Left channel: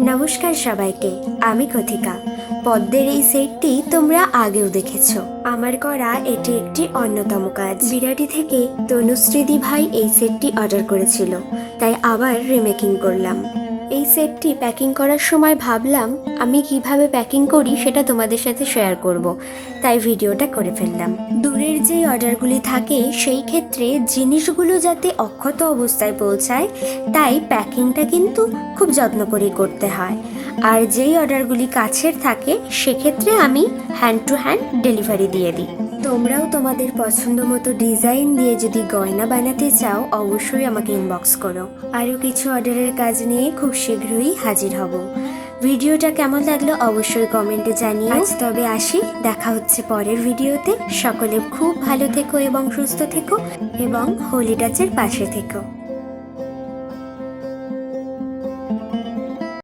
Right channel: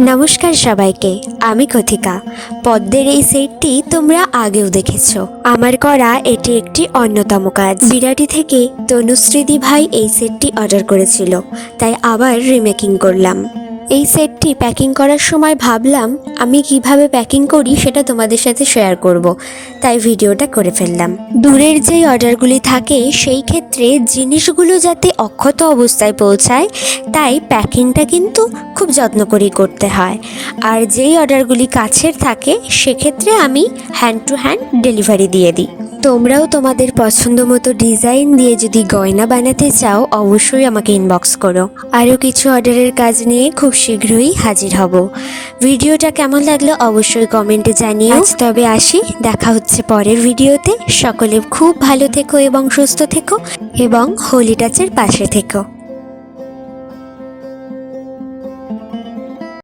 নমস্কার সবাইকে, আমি কথিকা। পদ্মের এই সেটটি তোমরা আগেও দেখেছো। আমার করা এটি একটি অন্যতম কাজ। বিরাটি থেকে তনুশ্রীদি ভাই এই সেটটি অর্ডার করেছিল, তাই আবার রিমেকিং করলাম। এই সেটটি প্যাকিং করার সময় ভাবলাম আমি কিভাবে প্যাকিং করি সেটা তোমাদের সাথে শেয়ার করব, তাই ভিডিওটা করে ফেললাম। দূরের যেই অর্ডারগুলি থাকে সেই ক্ষেত্রে জিনিসগুলো যাতে অক্ষত অবস্থায় পৌঁছায়, তাই প্যাকিংটা কিন্তু খুব যত্ন করেই করতে হয়। আর যেই অর্ডারগুলি কাছের থাকে সেক্ষেত্রে আমি হ্যান্ড টু হ্যান্ড ডেলিভারি দিয়ে দিই। তোমরাও তোমাদের পছন্দ মতো ডিজাইন দিয়ে যদি গয়না বানাতে চাও অবশ্যই আমাকে ইনবক্স করো। আরও কিছু অর্ডারের কাজ নিয়ে খুব শীঘ্রই হাজির হব। ভিডিওটা কেমন লাগলো অবশ্যই কমেন্টে জানিও। আজ তবে আসি, দেখা হচ্ছে পরের ভিডিওতে। সকলে খুব ভালো থেকো এবং সুস্থ থেকো এবং হোলি টাচের পাশে থেকো।